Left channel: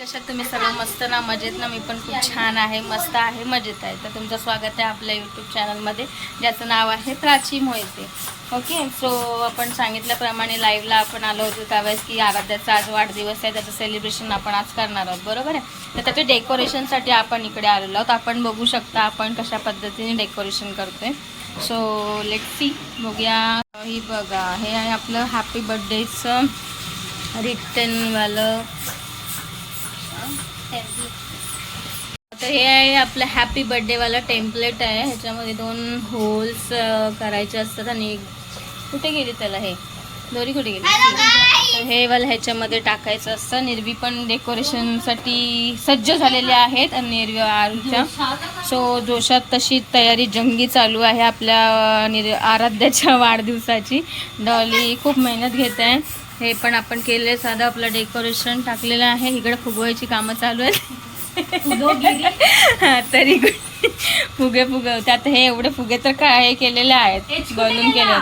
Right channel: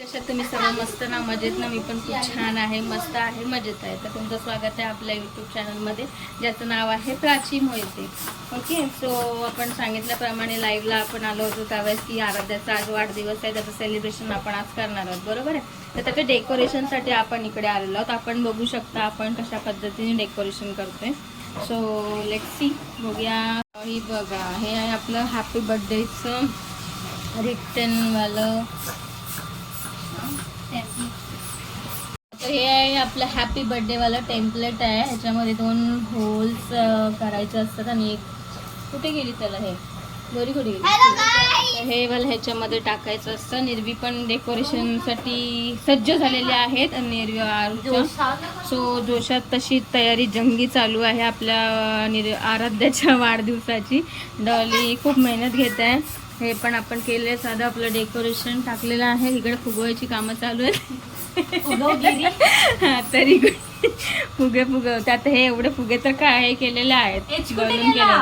कशात तुम्ही सर्व मस्त ना मजेत ना? मी पण खूप छान आहे मस्त आहे मजेत आहे. तर तुमचं स्वागत आहे आपल्या यूट्यूब चॅनलमध्ये ज्याचं नाव आहे प्राची मोहिते. ओके सो आपण सांगितल्याप्रमाणे लाईव्हला आपण आलो होतो त्यावेळेस की आराध्याचा आज वाढदिवस आहे त्याचं सेलिब्रेशन आपण आज करणार आहोत. बरोबर आहे? तर त्याच्या डेकोरेशनसाठी आपण इकडे आलेलो आहोत. आपण बघू शकता आपण कशा पद्धतीने डेकोरेशन करतोय. सो लेट सी बघूया. ही बघा हे आहे आपलं हॅपी बर्थडेचं रिटर्नवालं तर हे आहे आपलं हॅपी बर्थडेवाला टेम्पलेट आहे. ह्याच्यामध्ये दोन होल्स करायचे असतात आणि कुठे गेली त्याला हे? दोरी कुठे गेली? हे वाला ह्याच्यामध्ये टाकायचं असतं. निर्वी पण डेकोरेशनसाठी सज्ज झालेले आहेत आणि निर्वी आरूच्या. सो जोशात तशी तयारी जंगी चालू आहे आपल्या निर आराध्याच्या वाढदिवसाची. डॉली खूप मेहनत घेत. आहे हे पण आपण केले साधं आपलं डेकोरेशन टाकलेलं आहे. इकडे फुगवायची कामं चालू आहेत. तरी फुगे फुगे त्यात हे एवढे फुगे तर काय हे केलेले आहेत बलून केले.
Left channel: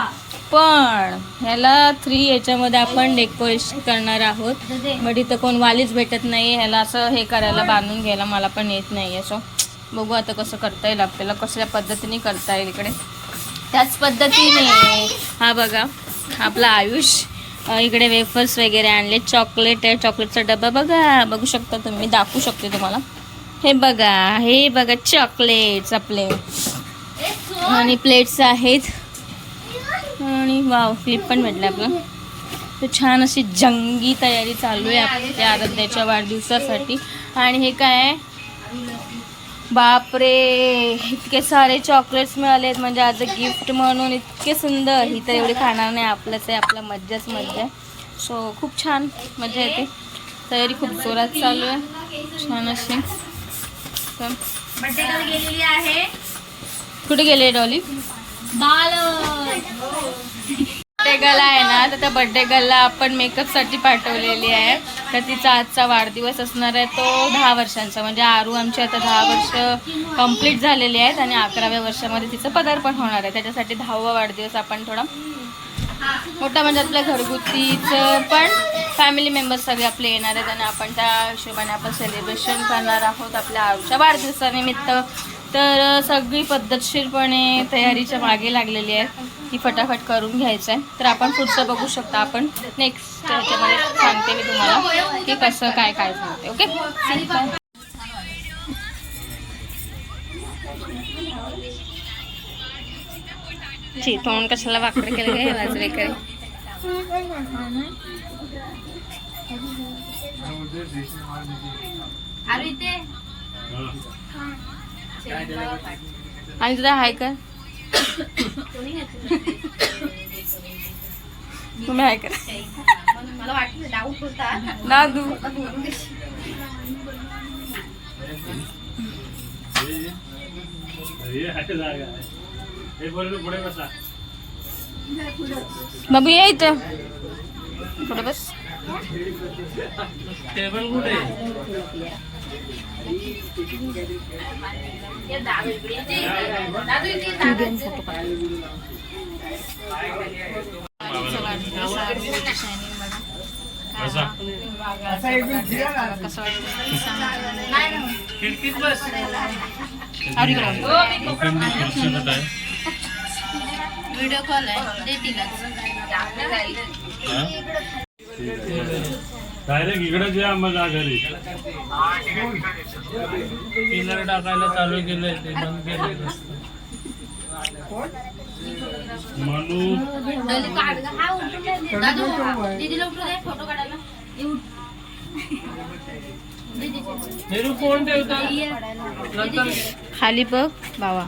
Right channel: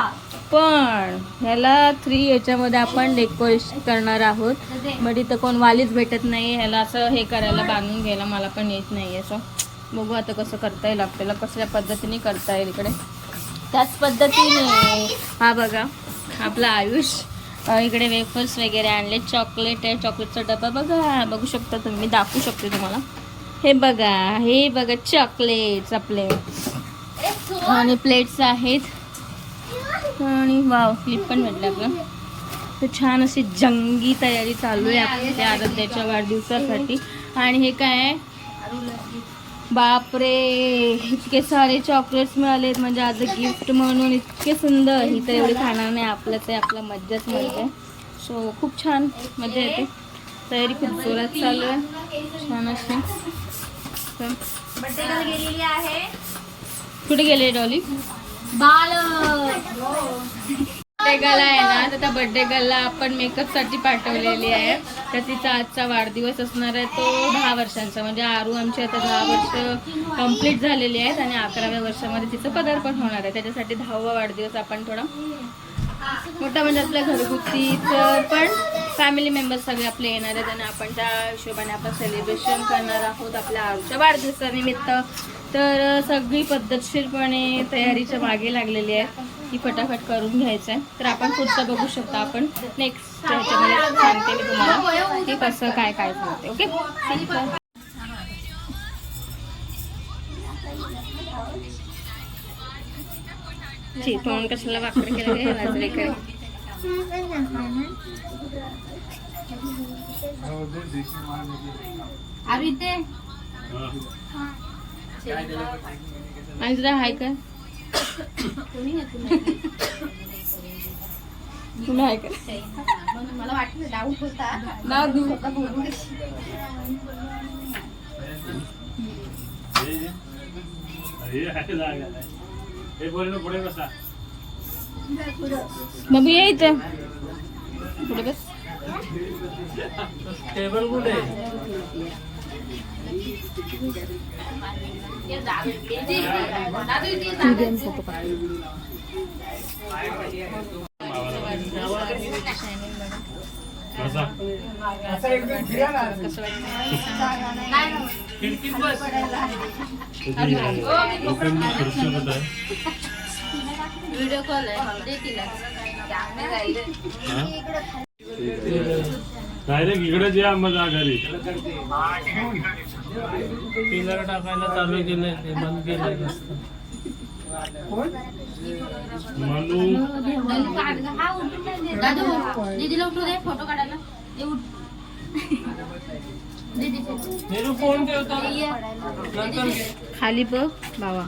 पण ह्याला थ्री याच्यामध्ये आपण डेकोरेशन करणार आहोत. बट इथं कोण वालीच भेटत नाही ह्याला असं हे करायला बांधून घ्यायला मला पण येत नाही आहे सो बघू आता कसं करता येईल आपल्याला. कसल्या पद्धतीने करता येईल इकडे. त्याच पद्धतीने. हा बघा. आपला आयुष अ, इकडे वेफर्स वगैरे आणले. चॉकलेट आहे. चॉकलेटचा डबा बघा. बघू शकता तुम्ही. दाखवू शकते तुम्हाला. हे बघा. हे बघा. चॉकलेट्स आपले. आणि प्लेट्स आहेत. आणि वाव. क्लिप पण भेटले आपलं तर छान अशी जंगी तयारी चालू आहे आपल्या आराध्याच्या वाढदिवसासाठी. आणि हे काय आहे? बापरे इतके सारे चॉकलेट्स मिळालेत. म्हणजे आज गिफ्ट म्हणून इतके सुंदर. ही तर एवढी खाणार नाही. आपलंच आहे. आपला मज्जाच मज्जा आहे. सो खूप छान मजा येते. तयारी खूप जोरात चालू आहे. छान अशी. गेलेली आहे कुठे गेले डॉली? बाल बर्थडे गर्ल आहे ना तर त्या बर्थडे गर्लला आपण मेकअपसाठी पाठवलेली आहे. तर तिचा आजचा वाढदिवस असणार आहे तो दहा वर्षांचा. म्हणजे आरू आमची आता दहा वर्ष कंप्लीट झालेली आहेत आणि अकराव्या वर्षामध्ये तिचं पदार्पण होणार आहे. त्याच्यासाठी दहावा वाढदिवस आपण थोडा मोठा म्हणजे आपल्या घरगुतीचं पण फॅमिली मेंबर्स सगळे आपले येणार आहेत आणि आपण त्या हिशोबाने आपण सेलिब्रेशन करणार आहोत आपल्या आरूच्या वाढदिवसानिमित्त. तर सगळी पद्धतशीरपणे तयारीच्या मागे लागलेली आहे ती फटाफट करून घ्यायचं आहे. तर आपण पुढचं बघू शकता आपण. नेक्स्ट ह्याच्यामध्ये सांगते मी तुम्हाला की कसं काय काय झालं ओके? ची तोंड कशाला वाकडं केलं काय वाजले इथे आणि तुझा हाय का तुम्ही हाय का मला वाटलं डाऊट होता. ना दू. बाबू ये इथं. पुढे बस. टेबल कुठे? कसं वाटतं खिडकीत बस व्हिडिओ कॉल आहे देतील डायरेक्ट इकडे या मग घरी पिलर टाकायला चालू केलंय ते बंद केलं दीदीला उठू दे फोटो काढायला. नेहरू ठेवता खाली बघ? अ,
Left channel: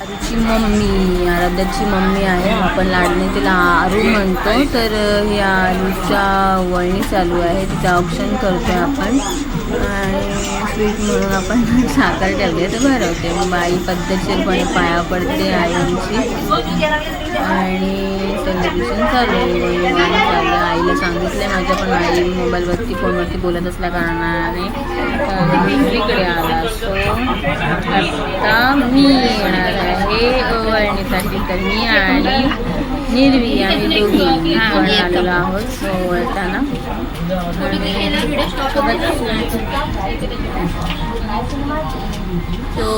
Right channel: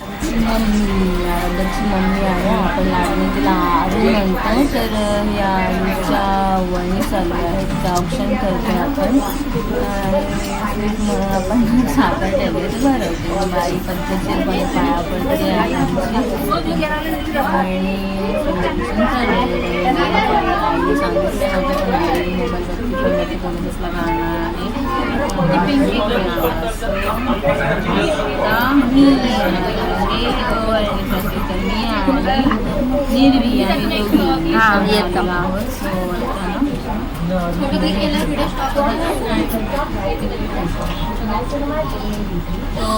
आरुची मम्मी आराध्याची मम्मी आहे. आपण लाडणे तिला आरू म्हणतो. तर ही आरूच्या वळणी चालू आहे. तिचं ऑप्शन करतोय आपण. स्वीट म्हणून आपण साखर ठेवली आहे तर भरवते. बाई पद्धतशीरपणे पाया पडते आई आमची आणि सेलिब्रेशन चालू आहे. वळणी वळणी आईला सांगितलं माझ्या पण आई मोबाईलवरती फोनवरती बोलत असल्या कारणाने मी इकडे आला. सो आता मी येणार आहे. वळणीसाठी तर मी आणि निर्वी आम्ही दोघी आलेलो आहोत सो वळताना तो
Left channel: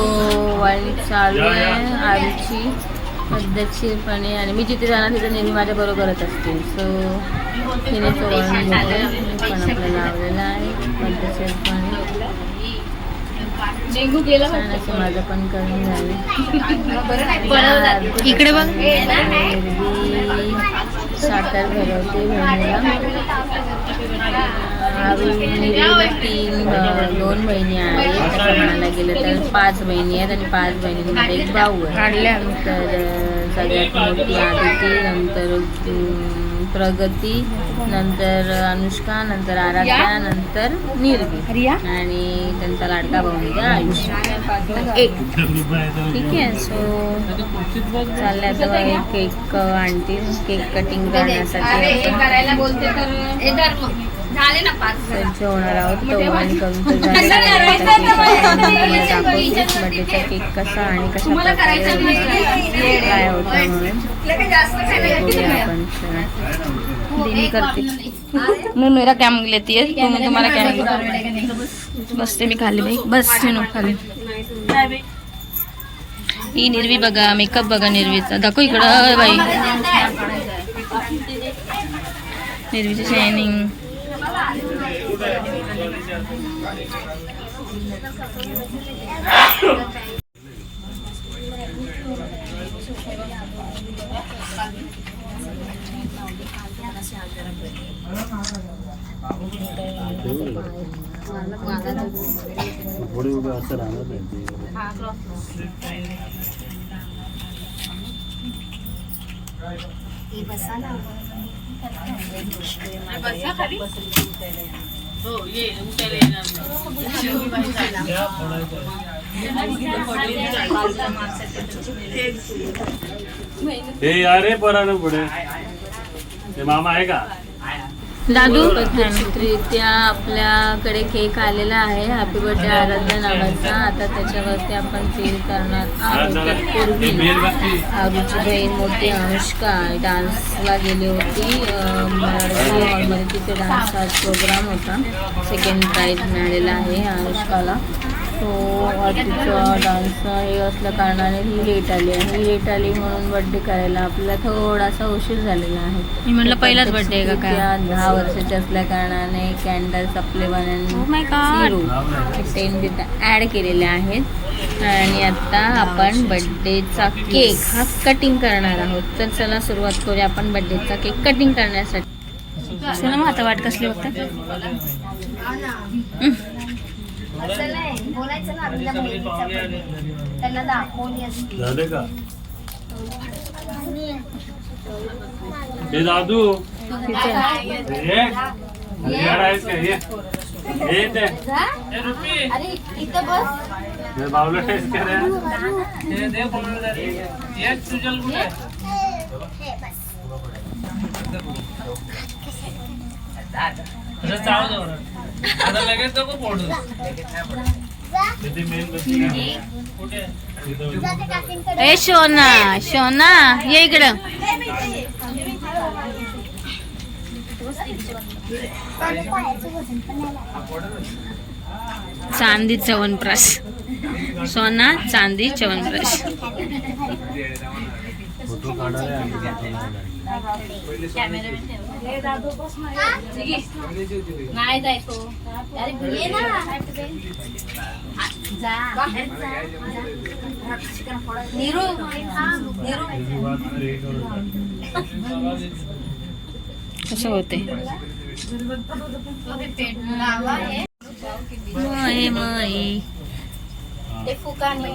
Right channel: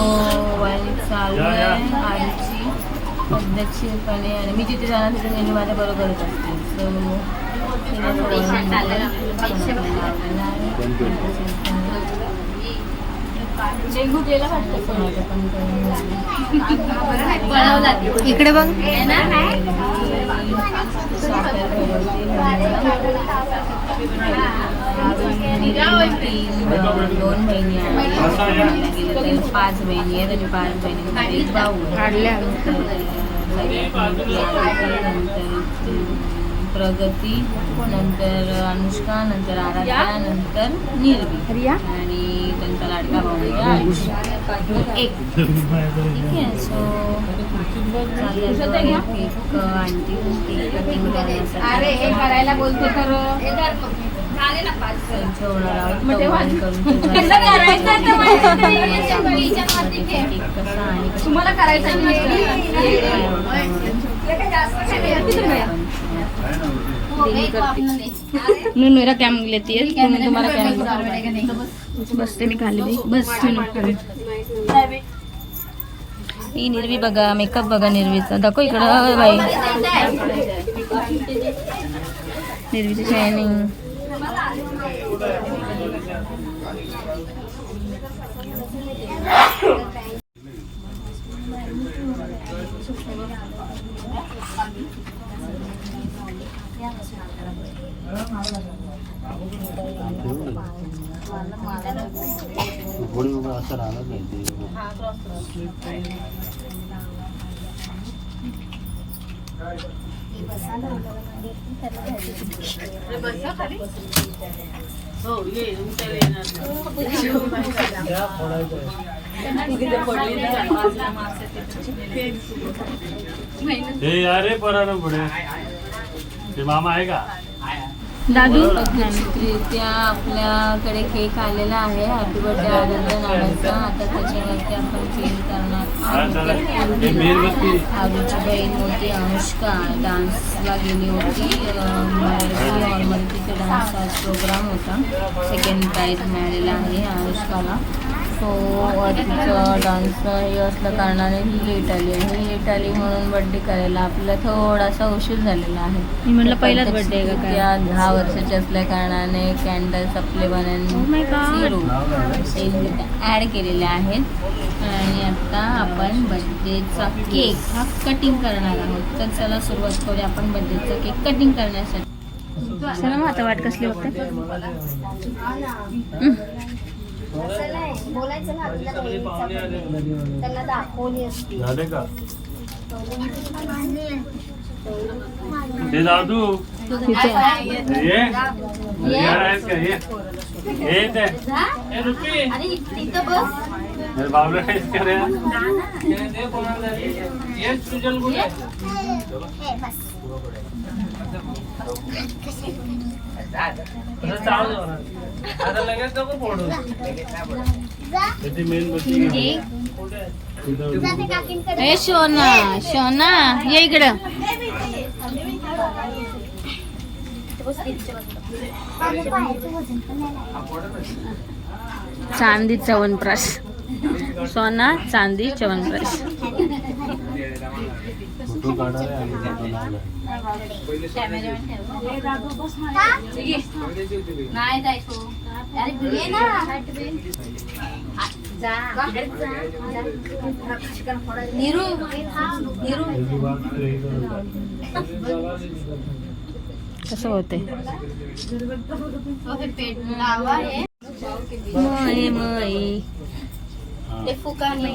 वळणी चालू आहे आरुची पद्धतशीरपणे आणि मी जिथे जाणार तिथे नेहमी माझ्या बरोबरच असते. सो तिने तो वळण घेतलं पण आपलं लावलेलं आहे पद्धतशीरपणे माझं पण करून झालं. इकडे बघ. साखर भरवते तीन दोन बहिणी आहेत. म्हणायला गेलं तर पाच बहिणी आहेत आणि पाच बहिणींमध्ये एक भाऊ आहे. तर सगळ्यात मोठी आदिती नंतर प्रगती नंतर अनुष्का नंतर आराध्या नंतर निर्वी. आणि त्यांचा लाडका भाऊ एक. ठीक आहे सो चाललंय आता एक केक आणतील केक कटिंग करण्यासाठी. हे आपण करायला बोलते तर हे मैं मेरा क्या लेती है तुम तुम्हारा क्या बसते मी खाली बाई. बस नो खाली. ही निर्वी बघा मेकअप बघा निर्वीचा. दाखव इकडं बाई. निर्वीचं शायनिंग थोडी उभं असं राहणार नाही ते. हो, ये, उचल येणार नाही. या, फोडायचं आहे. हे यारे परानं पुढे ते मामा आहे का दादू? प्रीत्या आपल्याकडे केक आलेला आहे. हॅपी बर्थडे आराध्या नावाचा. आता त्याच्यावरती आपण सील करणार हा, हे. आरूची बहीण मोठी अनुष्का. डान्सला गेली होती. मराठी हॉलमध्ये तिथे डान्सचा प्रोग्राम होता. सेकंड प्राईज मिळालेला आहे अनुष्काला. सो तिचं डान्स हे असल्या कारणाने ही लेट आली आहे. ही लेट आली म्हणून बर्थडे करायला आपल्याला थोडासा उशीर झालेला आहे. मी म्हटलं पहिलाच बर्थडे आहे का काय? दहा वर्षाची असल्या कारणाने कॅन्डल्स आपले बनन झिरो टेन तिथं ॲड केलेले आहेत. आणि आता आपण बर्थडेचा केक हा कटिंग करणार आहोत. तर चला सुरुवात करूया आपण बर्थडेचा केक कटिंग करण्यासाठी. चला मग आता वाट कसली बघता बोलायचं ना आपल्या सगळे पाहुणे आले घरी म्हणून. त्याला दाखवली असती झाले का हे दादू तिथे ये अरे यार आहेस का ये ये ते ए, रुपी, अरे तिथं बस हे बावलं आहेस का रे हे दे फोटो दे रे. ये, सुजल कुठे आहे? असं चालू जाऊ ना. आता लगेच नको फोडू. ए शोना शोना ये इकडं. चांदी चवनप्राश. सोना चांदी चवनप्राश. नाही जायचो अरे ना जा निरू निरू कसं होते मय मय. ते फुकाने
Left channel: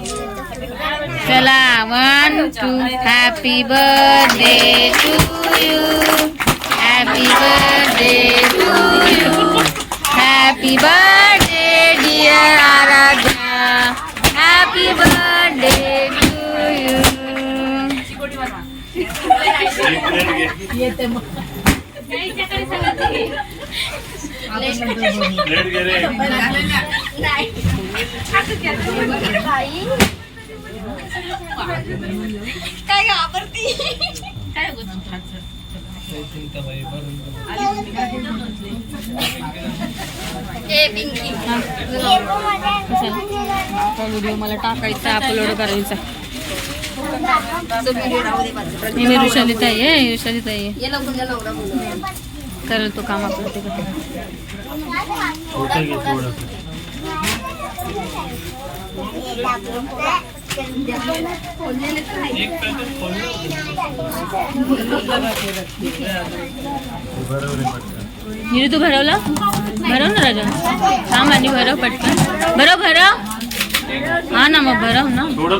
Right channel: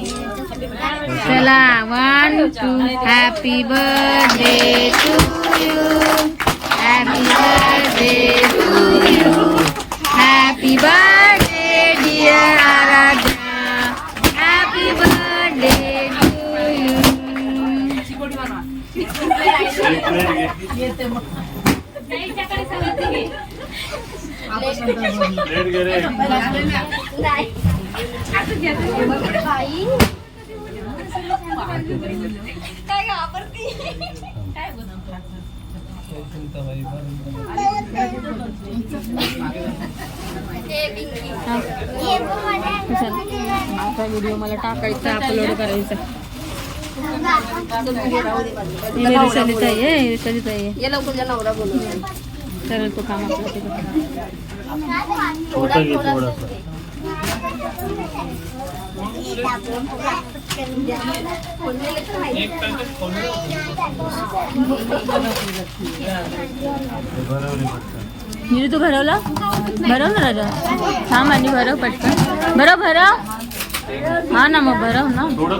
चला one two happy birthday to you happy birthday to you happy birthday dear Aaradhya happy birthday to you plate घे रे बाई काय घाबरती हे आपला व्हिडिओ मला टाकायचा अपलोड करायचा. मी मी ऋषालीत आहे ऋषालीत आहे. करेल तो काम आपलं ते करतो. छोटा घे थोडासा हे बरोबर आहे पटकन निरू तू भरवला? भरव ना राजा. हा आणि भरव पटकन. भरव भरव. हा ना मग भरव ना. थोडं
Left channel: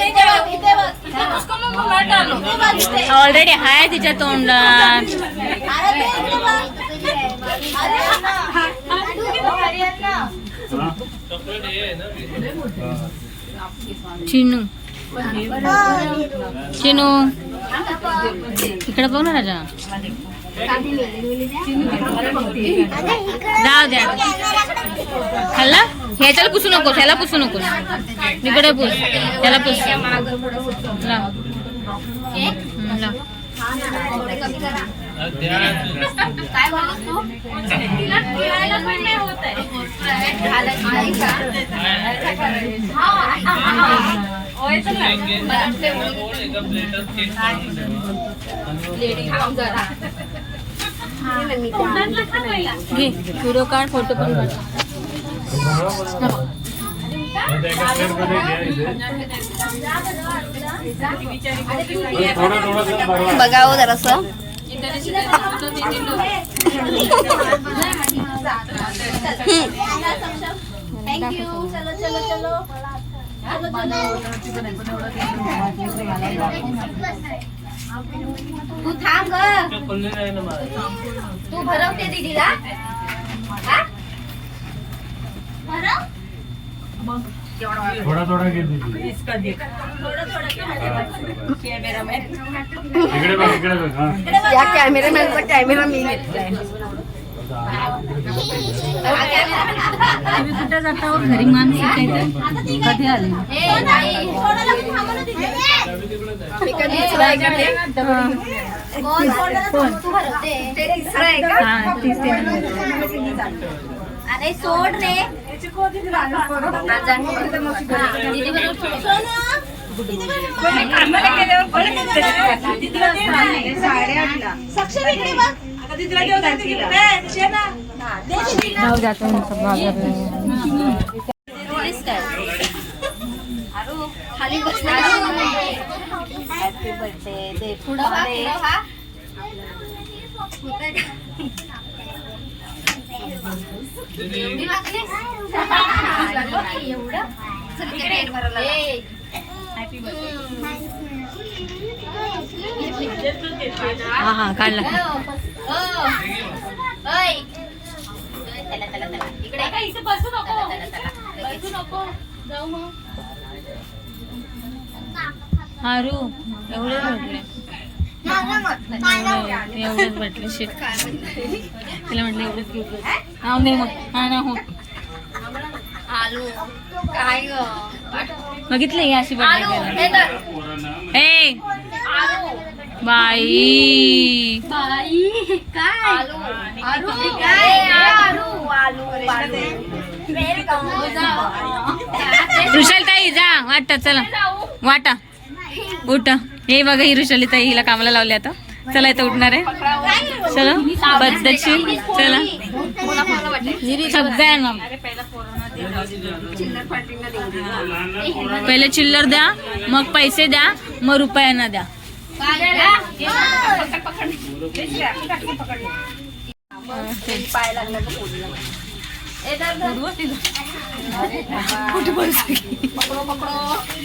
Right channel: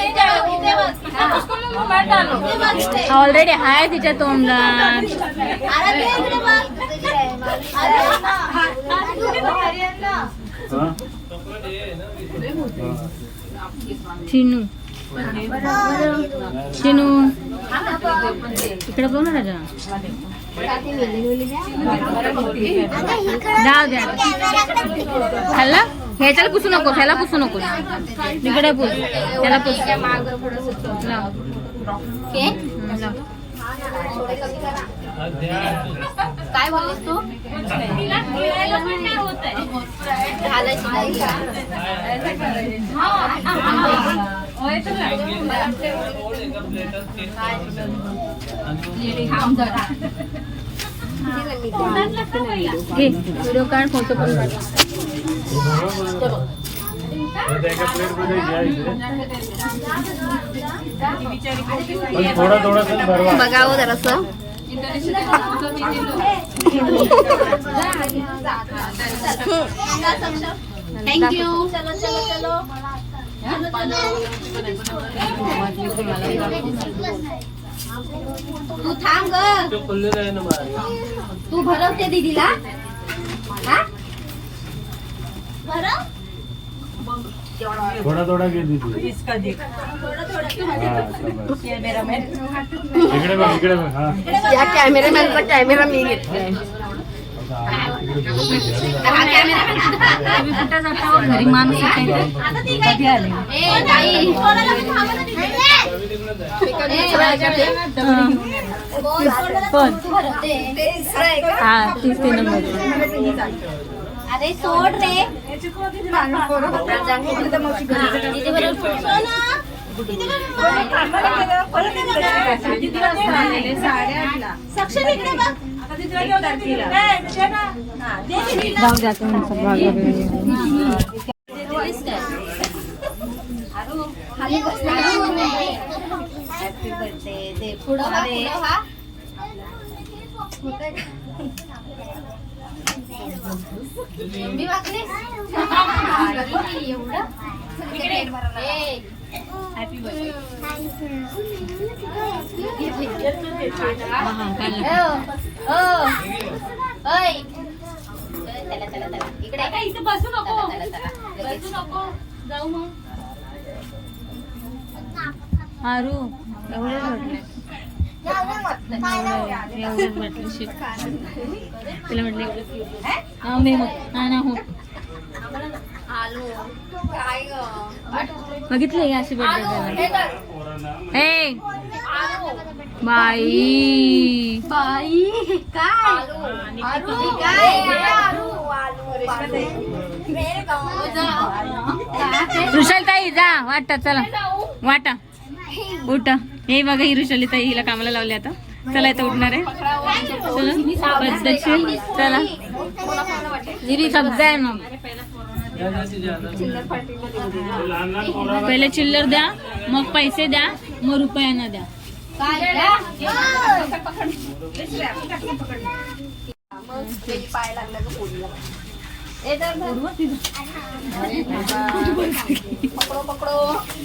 ऑलरेडी आहे तिच्या तोंडात चिनू चिनू इकडे बघ ना राजा जाऊ द्या खाल्ला ह्याच्याला पुसू नकोस ह्याला पुसू नकोस. इकडे पुस त्याला पुस. काय बोललीस तू? घालायची घे व्हिडिओ काढ फोटो पण. बघावं जरासं. थँक्यू चलो चलो चलो. तू थांब ग तो खुल्लेला आहे ना मला तू भरवते दीदीला हा? भरव थोडा थोडा घे दीदी. थोडं थोडं हा. इकडे बघ इकडे बघ हा त्या कॅमेरामॅनचा कॅमेरा मी घेतलाय तुम्ही कुठे जाता घरी माणूस येते कधी आले हा. ते नंबर अरे सोड रे साडे आठला सक्षम इकडे जाऊ. द्या त्यांचं बाजार खाली हॅपी बर्थडे दे पुढं दे मी वागलीस? एवढं हा हा काढला हारू एवढे एवढेच भेटले शिट. तिला म्हटलं एवढेच हा दे मग. हा ना हो. बघितलं ही अशी बर्थडे हे बाई. बाई काय? ऋषाली ताई जा. वाटा चला. वाटा. उठ. हे बघा ही ऋषाली ताई हिला कामाला लावली आता. चला इथं उठणार आहे. चला. पद्धतशीर चला. सगळ्यांना पहिले चिल्लर द्या मग पैसे द्या मग रुपयांना द्या.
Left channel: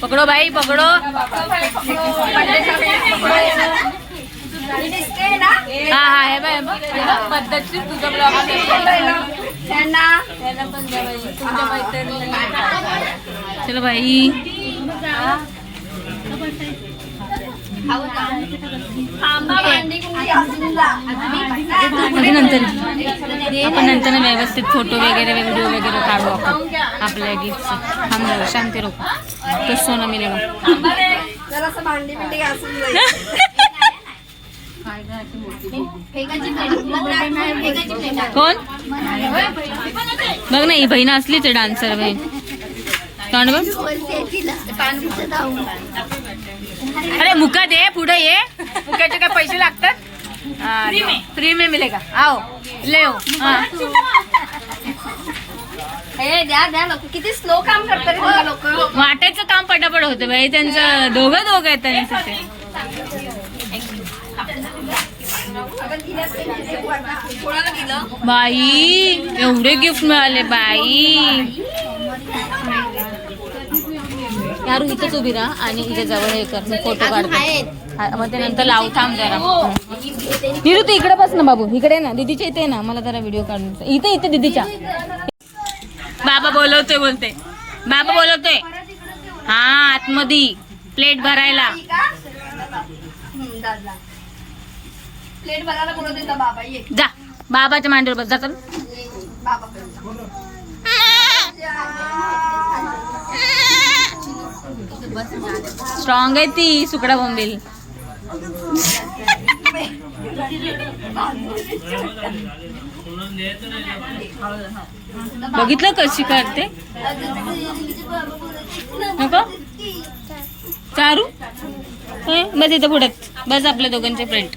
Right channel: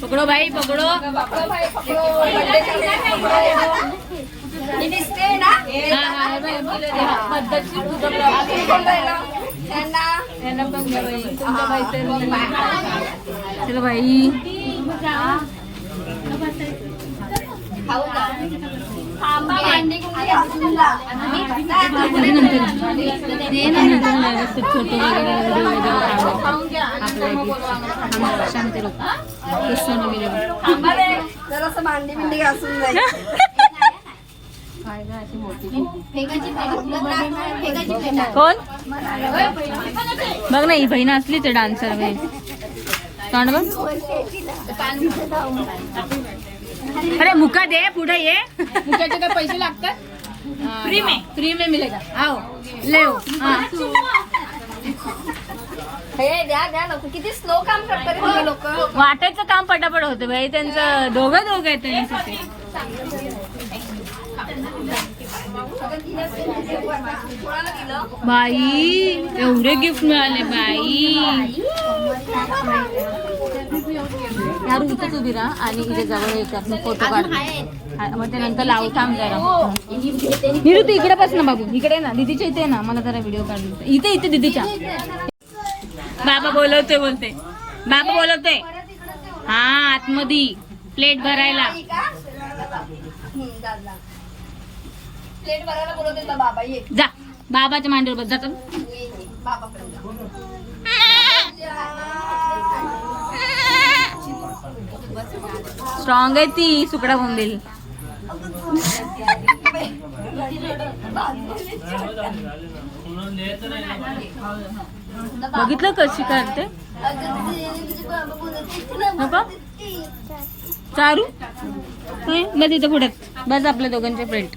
पकडो भाई पकडो हा हा हे बाय पद्धतशीर तुझं आहे. चलो बाई नंतर व्यवस्थित फोटो वगैरे व्हिडिओ वगैरे काढू आपल्या गिफ्ट शांती लोक तो सोनं मिळेल जरासं भांडी घासून कोण? बघ ना ही बहीण असलीच आहे डान्सर बहीण. तोंड बघ. अरे मुका दे पुढे ये. मुक्याचे काय पैसे लागतात? फ्री में फ्री में मिलेगा. आओ. ले हो. हा. हे द्या द्या लोक. किती स्लो काम करतात लोक. वाटायचं काम पटापट होतं बाई. त्यांचं दोघं दोघं आहेत त्यांचं ते. बाई एवढे गिफ्ट मिळाले बाई. यारू इथंच उभी राहा आणि इथे जवळ हे कर मी फोटो काढतो. हा, मग ते नंतर लावू थांब जरा. निरू तू इकडे बस ना बाबू. इकडे ना दीदीच्या इथे ये ना. मला जरा व्हिडिओ काढून इथे इथे दीदीच्या. बाबा बोलवतोय बोलते बाबा बोलवतोय. हा आतमध्ये. प्लेट भरायला. प्लेट भरायला बोलत येतं बाबा ये जा. बाबाच्या मांडीवर बस. जा चल. बाबा स्ट्रॉंग आहे ती सुकडा बोंबील. बघितलं कशी करते नको चारू? होय, बस इथं पुढ्यात बस आपल्या दोघांचे प्रिंट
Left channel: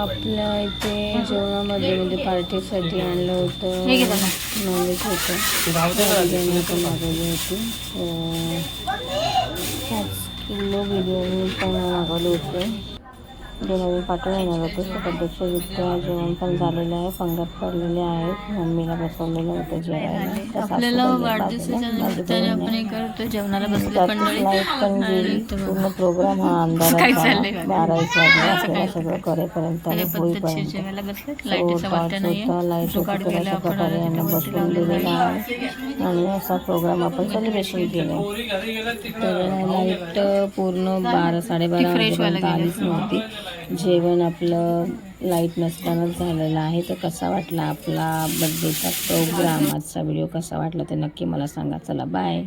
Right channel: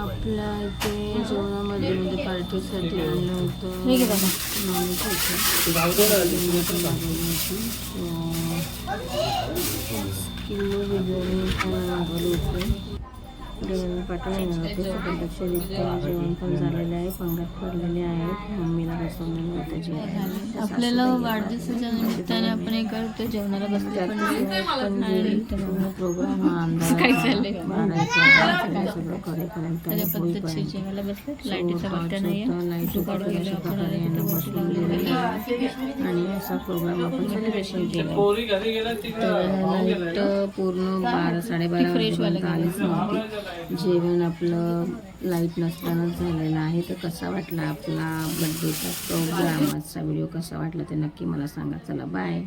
आपल्या इथे जेवणामध्ये म्हणजे पार्टीसाठी आणलं होतं. हे नॉनव्हेज होतं. पण मागवली होती. पाच किलो बिर्याणी पण मागवली होती. जे नवीन पाठवून येणार होते पद्धतशीररित्या जेवण पण झालेलं आहे. पंगत पडलेले आहेत मम्मीला बसवलेलं होतं त्या आपल्याला वाढदिवसाच्या निमित्ताने आपण हे करतो. जेवणाला बसले त्यात पण लाइट पण गेली. पूर्ण प्रोग्राम हा का? बारा एक वाजता सगळं करेपर्यंत आणि होईपर्यंत. होतं, प्रकारे यांना बसवून दिलेलं आहे आहे. आणि असा प्रोग्राम आपण सेलिब्रेशन केलं तर लाइट पूर्ण बारा साडेबारा आलीच नव्हती. जेवण आपलं लाइट नसतानाच झालेलं आहे. तर कसा वाटला आपला बड्डेचा प्रोग्राम आजचा व्हिडिओ कसा वाटला ते नक्की मला सांगा. चला बाय